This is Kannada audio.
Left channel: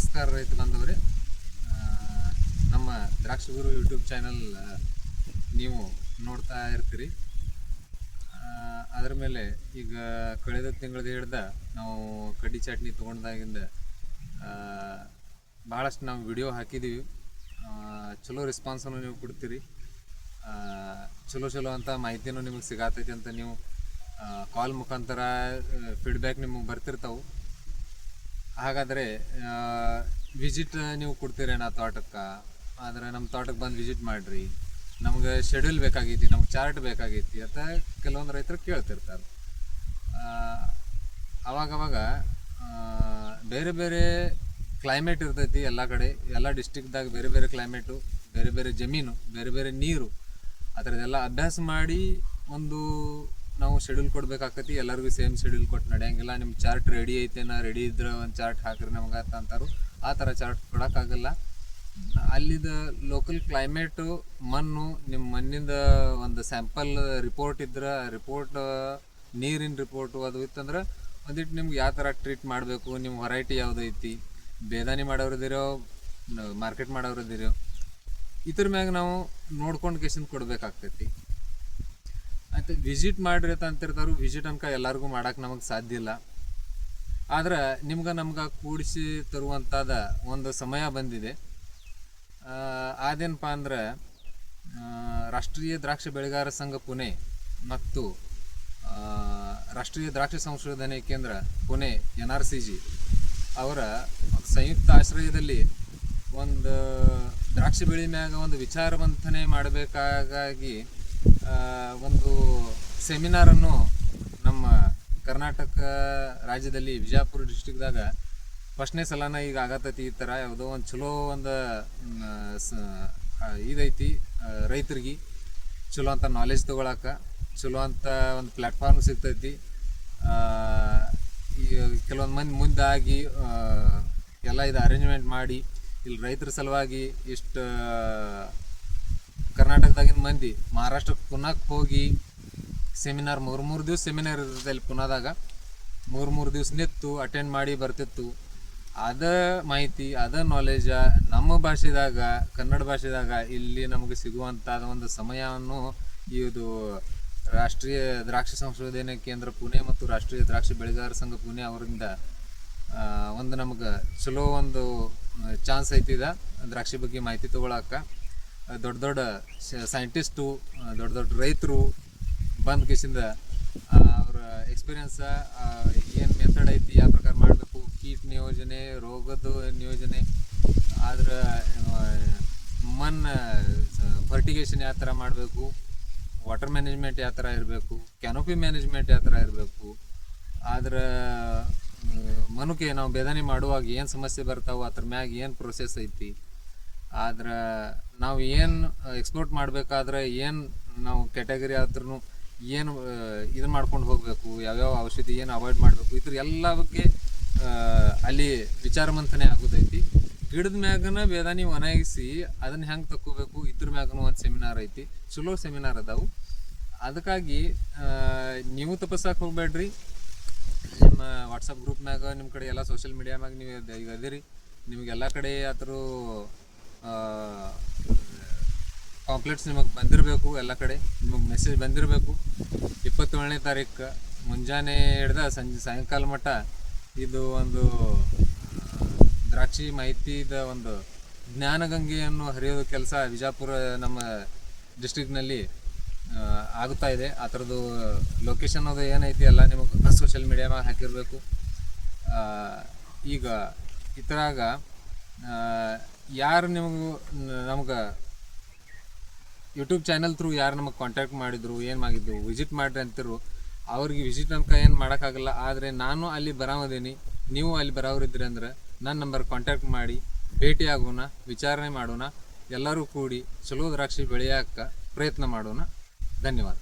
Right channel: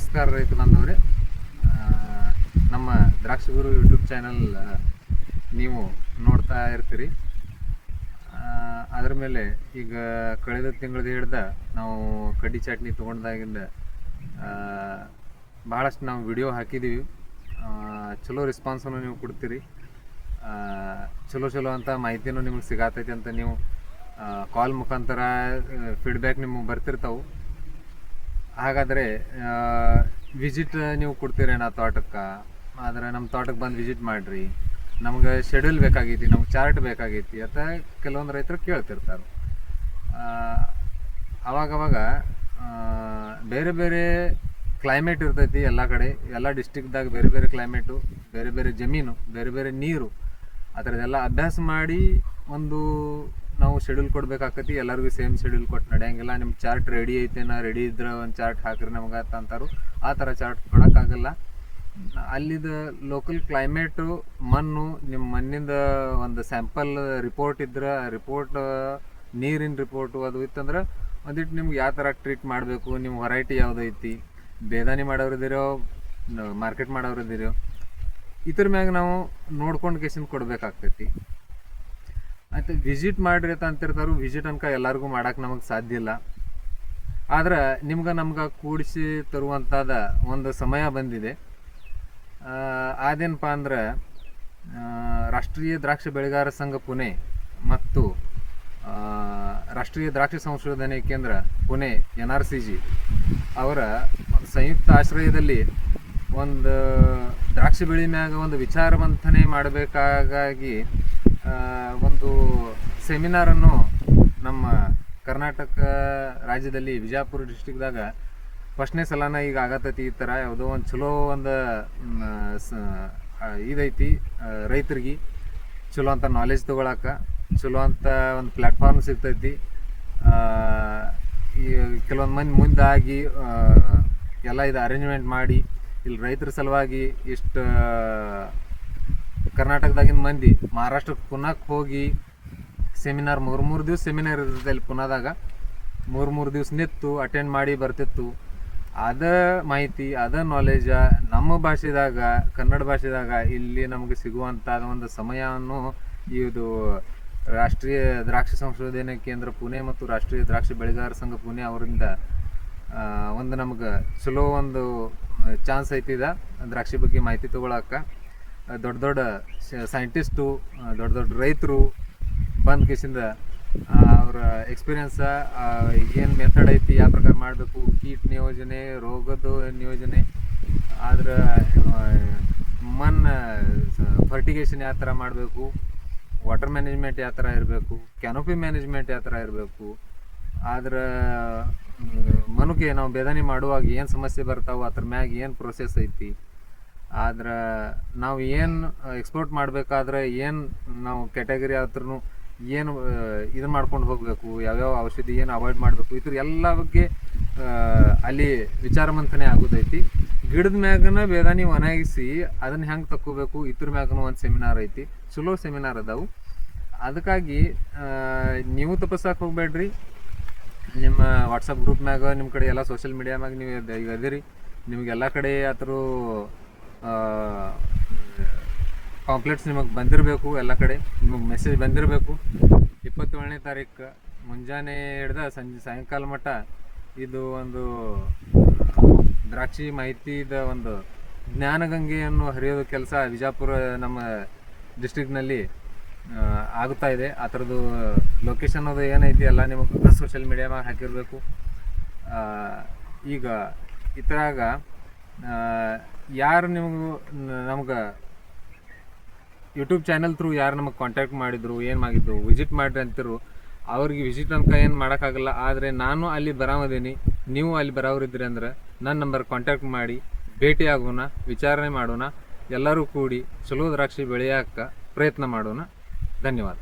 ನಮಸ್ಕಾರ ರೈತ ಬಂದವರೇ ನಮ್ಮ ದ್ರಾಕ್ಷಿ ಗುರು ಯೂಟ್ಯೂಬ್ ಚಾನಲ್ ನೀವು ನೋಡ್ತಾ ಇರ್ತೀರಿ. ಅದರ ಮೇಲೆ ಈಗ ಕಳೆದ ತಿಂಗಳದ ಹಿಡ್ದ ನಾವು ಕಡ್ಡಿ ಚಟ್ನಿ ತೊಗೊಂಡಾಗಿಂದ ಭಾಳಷ್ಟು ನಾವು ವಿಡಿಯೋ ಹಾಕಿದ್ದೀವಿ ಚಲೋ ರೆಸ್ಪಾನ್ಸನ್ನು ನೀವು ಕೊಡ್ತೀರಿ. ಚಲೋ ಚಲೋ ಅಂತ ಮಾಹಿತಿನೂ ನಿಮಗೆ ಸಿಗತೈತಿ ಅಂತ ನೀವು ಕಾಲ್ ಮುಖಾಂತರ ಫೀಡ್ಬ್ಯಾಕ್ ನಿಮಗೆ ಬರ್ತಿರ್ತಾವೆ. ಹಾಗಾದರೆ ವಿಸಿಟ್ ನೀವು ಕೊಡ್ತೀರೇನ ತೋಟಕ್ಕೆ? ಆದರೆ ನಮ್ಮ ತೋಟಕ್ಕೆ ಬಂದು ವಿಸಿಟ್ ಮಾಡಿರಿ. ನಮ್ಗೆ ಶೆಡ್ಯೂಲ್ ಬೇಕಾಗೈತಿ, ನಮ್ಗೆ ಚಾರ್ಟ್ ಬೇಕಾಗೈತಿ ಅಂತ ಕೆಲವೊಂದು ರೈತರು ಕೇಳ್ತಿರ್ತಾರೆ. ಅವಾಗವಾಗ ಬೇರೆ ಬೇರೆ ಕ್ಲೈಮೇಟ್ ಇರ್ತೈತಿ ಎಲ್ಲ ಕಡೆ. ಎಲ್ಲ ಡಿಸ್ಟಿಕ್ದಾಗ ಬೇರೆ ಬೇರೆ ಕ್ಲೈಮೇಟು ಬೇರೆ ಬೇರೆ ಜಮೀನು, ಬೇರೆ ಬೇರೆ ನೀರು. ಆ ಥರದ್ದೆಲ್ಲ ಅಭ್ಯಾಸ ಮಾಡಿ ಒಂದು ನಾವು ಶೆಡ್ಯೂಲ್ ಕೊಡ್ಬೇಕಾಕತಿ, ಎಲ್ಲರಿಗೂ ಸೇಮ್ ಶೆಡ್ಯೂಲ್ ಕೊಟ್ಟು ನಡೆಯಂಗಿಲ್ಲ. ನಿಮ್ಮ ಚಾರ್ಟ್ ರೆಡಿ ಐತೇನ ರೆಡಿ ಇದ್ರೆ ಒಂದು ಚಾರ್ಟ್ ಹಾಕ್ರಿ ನಮ್ಗೆ ಅಂತ ಅಂತಾರು. ಆ ಥರ ಚಾರ್ಟ್ ಕೊಡೋಕ್ಕಾಗಲ್ಲ. ಅಲ್ಲಿದ ಲೋಕಲ್ ಕ್ಲೈಮೇಟು ಮಣ್ಣು ನಿಮ್ಮ ಮಣ್ಣಿಂದ ಒಂದು ಸ್ಯಾಂಪಲ್ ರಿಪೋರ್ಟ್ ಇದ್ರೆ ರಿಪೋರ್ಟ್ ನೀರಿನ ರಿಪೋರ್ಟು ಅದು ಇತ್ತಂದ್ರೆ ಒಂದಿಟ್ಟು ನಿಮ್ಗೆ ಯಾವ ಥರ ಟ್ರೀಟ್ ಮಾಡಬೇಕು ನಿಮ್ಮ ವೆರೈಟಿ ಯಾವುದೈತಿ ಬೇದಾನಿ ಮಾಡೋರಿದ್ದೀರೋ ಮಾರ್ಕೆಟ್ ಮಾಡೋರಿದ್ದೀರೋ ಇದ್ರ ಮ್ಯಾಗ ನಾವು ನೋಡ್ಕೊಂಡು ಕೇಸಿಂದ ಕೊಡ್ಬೇಕಾಗ್ತೈತಿ. ಆಯ್ತು ವಿಸಿಟ್ ಮಾಡ್ರಿ ಅಂತ ಅಂತಿರ್ತಾರು ವಿಸಿಟ್ ಅನ್ಕ ಎಲ್ಲರಿಗೂ ಮಾಡಕ್ಕೆ ನಮಗೆ ಸಾಧ್ಯ ಇಲ್ಲ. ಆದ್ರೆ ನಿಮ್ಗೆ ನಮ್ಗೆ ಕೂಡಿಸಿ ತರುವಂಥದ್ದು ಒಂದು ಸಮಯ ಬಂದಿದೆ. ಅದೇನಪ್ಪ ಅಂದ್ರೆ ರಾಷ್ಟ್ರೀಯ ದ್ರಾಕ್ಷಿ ಬೆಳೆಗಾರ ಸಂಘ ಪುಣೆ ಮತ್ತು ರಾಷ್ಟ್ರೀಯ ದ್ರಾಕ್ಷಿ ಸಂಶೋಧನೆ ಕೇಂದ್ರ Pune N R C G ಅವರ ಸಂಯುಕ್ತ ಆಶ್ರಯದಲ್ಲಿ ಒಂದು ದ್ರಾಕ್ಷಿ ಬೆಳೆ ಮ್ಯಾಗ ಒಂದು ವಿಚಾರ ಮಂಥನೆ ಮಾಡಬೇಕಾಗಿ ಒಂದು ಸೆಮಿನಾರನ್ನು ನಮ್ಮ ಕರ್ನಾಟಕ ರಾಜ್ಯದಲ್ಲಿ ವಿಜಯಪುರ ಡಿಸ್ಟಿಕ್ದಾಗ ಫಸ್ಟ್ನೇ ಸಲನ ಈಗ ಆಗತೈತಿ ಈ ಥರ ಯಾವುದೋ ಒಂದು ಚಲೋ ಒಂದು ಇದೈತಿ ರೈತರಿಗೆ ಚಲೋ ಅಂತ ನಾಲೆಜ್ ತೊಗೊಳಕ, ಚಲೋ ಅಂತ ಒಂದು ಪ್ಲ್ಯಾಟ್ಫಾರ್ಮ್ ಸಿಗ್ತೈತಿ. ಈ ಕೆಲವೊಂದು ಮಂದಿ ಮುಂದಾಗಿ ಎಲ್ಲ ಇದು ಅರೇಂಜ್ಮೆಂಟ್ ಮಾಡಿ, ಇಲ್ಲಿ ರೈತರ ಸಲುವಾಗಿ ಇಷ್ಟು ಕರ್ನಾಟಕದಾಗಿನ ಮಂದಿ ಮಹಾರಾಷ್ಟ್ರಕ್ಕೆ ಪುನಃ ಹೋಗಿ ಸೆಮಿನಾರ್ ಮೂರು ಮೂರು ದಿವಸ ಸೆಮಿನಾರ್ ಇರ್ತದೆ ಅಲ್ಲಿ ಪುನಾದಾಗ. ಮೂರು ಮೂರು ದಿವಸ ನಿತ್ತು ಅಟೆಂಡ್ ಮಾಡಿ ಬರ್ತಿತ್ತು. ಅದ ಮಾಹಿತಿ, ಅದ ನಾಲೆಜ ನಮ್ಮ ಭಾಷೆದಾಗ, ಕನ್ನಡ ಭಾಷೆದಾಗ ಇಲ್ಲಿ ನಮಗೆ ಸಿಗುವಂಥ ಒಂದು ಸಮಯವನ್ನು ಇದು ರಾಷ್ಟ್ರೀಯ ದ್ರಾಕ್ಷಿ ಸಂಶೋಧನೆ ಕೇಂದ್ರ ಪುಣೆ ಮತ್ತು ರಾಷ್ಟ್ರೀಯ ದ್ರಾಕ್ಷಿ ಬೆಳೆಗಾರ ಸಂಘ ಪುಣೆ ಅವರಿಂದ ಒಂದು ನಮಗೆ ಚಲೋ ಒಂದು, ಚಾನ್ಸ್ ಐತಿದ ದ್ರಾಕ್ಷಿ ಬಗ್ಗೆ ಮಾಹಿತಿ ತೊಗೊಳಕ್ಕೆ ದೊಡ್ಡ ದೊಡ್ಡ ಸೈಂಟಿಸ್ಟು ದೊಡ್ಡ ದೊಡ್ಡ ರೈತರು ಬಂದ ಕಿಸಿಂದ ಅವರ ಎಕ್ಸ್ಪೀರಿಯನ್ಸ ಏನು ಮೆಥಡ್ ಐತಿ, ಯಾವ ಪ್ರಕಾರ ಮಾಡಬೇಕು, ಕೀಟ ನಿಯೋಜನೆ, ರೋಗದ ನಿಯೋಜನೆ, ಆದ್ರೆ ಮನ್ ಫರ್ಟಿಗೇಷನ್ ಯಾವ ಥರ ಮಾಡಬೇಕು ವಾಟರ್ ಮ್ಯಾನೇಜ್ಮೆಂಟ್ ಯಾವ ಥರ ಇರಬೇಕು ಕ್ಯಾನೋಪಿ ಮ್ಯಾನೇಜ್ಮೆಂಟ್ ಯಾವ ಥರ ಇರಬೇಕು, ಆದ್ರೆ ಮನುಕ್ಕೆ ನಾವು ಬೇದನೆ ಮಾಡುವಾಗ ಏನು ಸಮಸ್ಯೆ ಬರ್ತಾವೆ ಅದ್ರ ಮ್ಯಾಗ ಏನು ಪ್ರೊಸೆಸ್ ಐತಿ ಆದ್ರೆ ನಾವು ಏನು ಎಕ್ಸ್ಪೋರ್ಟ್ ಮಾಡಬೇಕಾದ್ರೆ ಏನು ನಾವು ಕ್ಯಾಟಗರಿ ಆದ್ರೂ ಏನು ಇದು ಮಾಡ್ಕೊಂಡು ಹೋಗಬೇಕು, ಯಾವ್ಯಾವ ಔಷಧಿ ಏನು ಅವಾಯ್ಡ್ ಮಾಡಬೇಕು ಇದ್ರ ಎಲ್ಲ ಬಗ್ಗೆ ಅಲ್ಲಿ ವಿಚಾರ ಮಂಥನೆ ಆಗೋದೈತಿ. ಗಿಡದ ಮ್ಯಾಗನ ಬೇದಾನಿ ಒಣಗಿಸಿ ಅದನ್ನ ಹೆಂಗೆ ತಕ್ಕೋಬೇಕು, ಇದ್ರ ಮ್ಯಾಗನು ಒಂದು ಸೆಮಿನಾರ್ ಐತಿ. ಚಲೋ ಸೆಮಿನಾರ್ ಅದಾವು. ಅದಕ್ಕಾಗಿ ನೀವು ತಪಸ್ಸಕ್ಕೆ ಹೋಗಬೇಡ್ರಿ. ನಿಮ್ಮ ವಾಟ್ಸಪ್ ಗ್ರೂಪ್ ಮ್ಯಾಗ ನಿಮ್ಮ ಕಡೆ ಎಲ್ಲ ಸೋಷಿಯಲ್ ಮೀಡಿಯಾ ಮ್ಯಾಗ ನೀವು ಇದೀರಿ ನಿಮಗೆಲ್ಲ ಕಡೆ ಆತರ ಪಾಂಪ್ಲೆಟ್ಸ್ ನಿಮಗೆ ಬಂದಿರಬೇಕು ಎಲ್ಲ ಕಡೆ. ನಿಮಗೆ ಮೆಸೇಜ್ ಬಂದಿರಬೇಕು. ಇಪ್ಪತ್ತೇಳನೇ ತಾರೀಕು ಮುಂಜಾನೆ ಹಿಡ್ದ ಸಂಜೆ ಸಾಯಂಕಾಲ ಮಟ್ಟ ಇದು ಒಂದು ದ್ರಾಕ್ಷಿ ಮಾಹಿತಿದ ಒಂದು ಜ್ಞಾನಗಂಗೆಯನ್ನು ಹರಿಯೋದು ಕೆಲಸ ವಿಜಾಪುರ ನಮ್ಮ ಡಿಸ್ಟ್ರಿಕ್ನಲ್ಲಿ ಆ, ಆಗುತ್ತಾ ಇದೆ. ಆ ಥರದ್ದು ಲೊಕೇಶನ್ ಅದು ಏನೈತಿ ಎಲ್ಲ ನಿಮಗೆ ಸೋಷಿಯಲ್ ಮೀಡಿಯಾಮಾಗ ಹಾಕಿರಬೇಕು. ಈಗ ಇದ್ರಾಗ ಯಾರು ನಿಮಗೂ, ನಮ್ಗೆ ಯೂಟ್ಯೂಬ್ ಚಾನಲ್ ಥ್ರೂ ಯಾರು ನಮಗೆ ಕಾಂಟ್ಯಾಕ್ಟ್ ಮಾಡಿದ್ರು, ಏನು ಮಾಡಿದ್ರು ವಿಸಿಟ್ ಮಾಡಿರಿ ಅಂತಿರು, ಅವ್ರಿಗೆ ವಿಸಿಟ್ ಅನ್ಕ ಏನು ಮಾಡೋಕ್ಕಾಗಲ್ಲ, ಆದರೆ ನಾನು ಅಲ್ಲಿ ಬರಾಮದೀನಿ, ನೀವು ಅಲ್ಲಿ ಬರೋರಿದ್ರಿ ಅಂದ್ರೆ ನನ್ನ ನಂಬರ್ ಕಾಂಟ್ಯಾಕ್ಟ್ ಮಾಡಿ ಭೇಟಿ ಆಗೋಣ ವಿಚಾರಣೆ ಮಾಡೋಣ, ಎಲ್ಲರೂ ಕೂಡಿ ಚಲೋ ದ್ರಾಕ್ಷಿ ಬೆಳೆಯೋಕ್ಕೆ ಪ್ರಯತ್ನ ಮಾಡೋಣ. ಧನ್ಯವಾದ.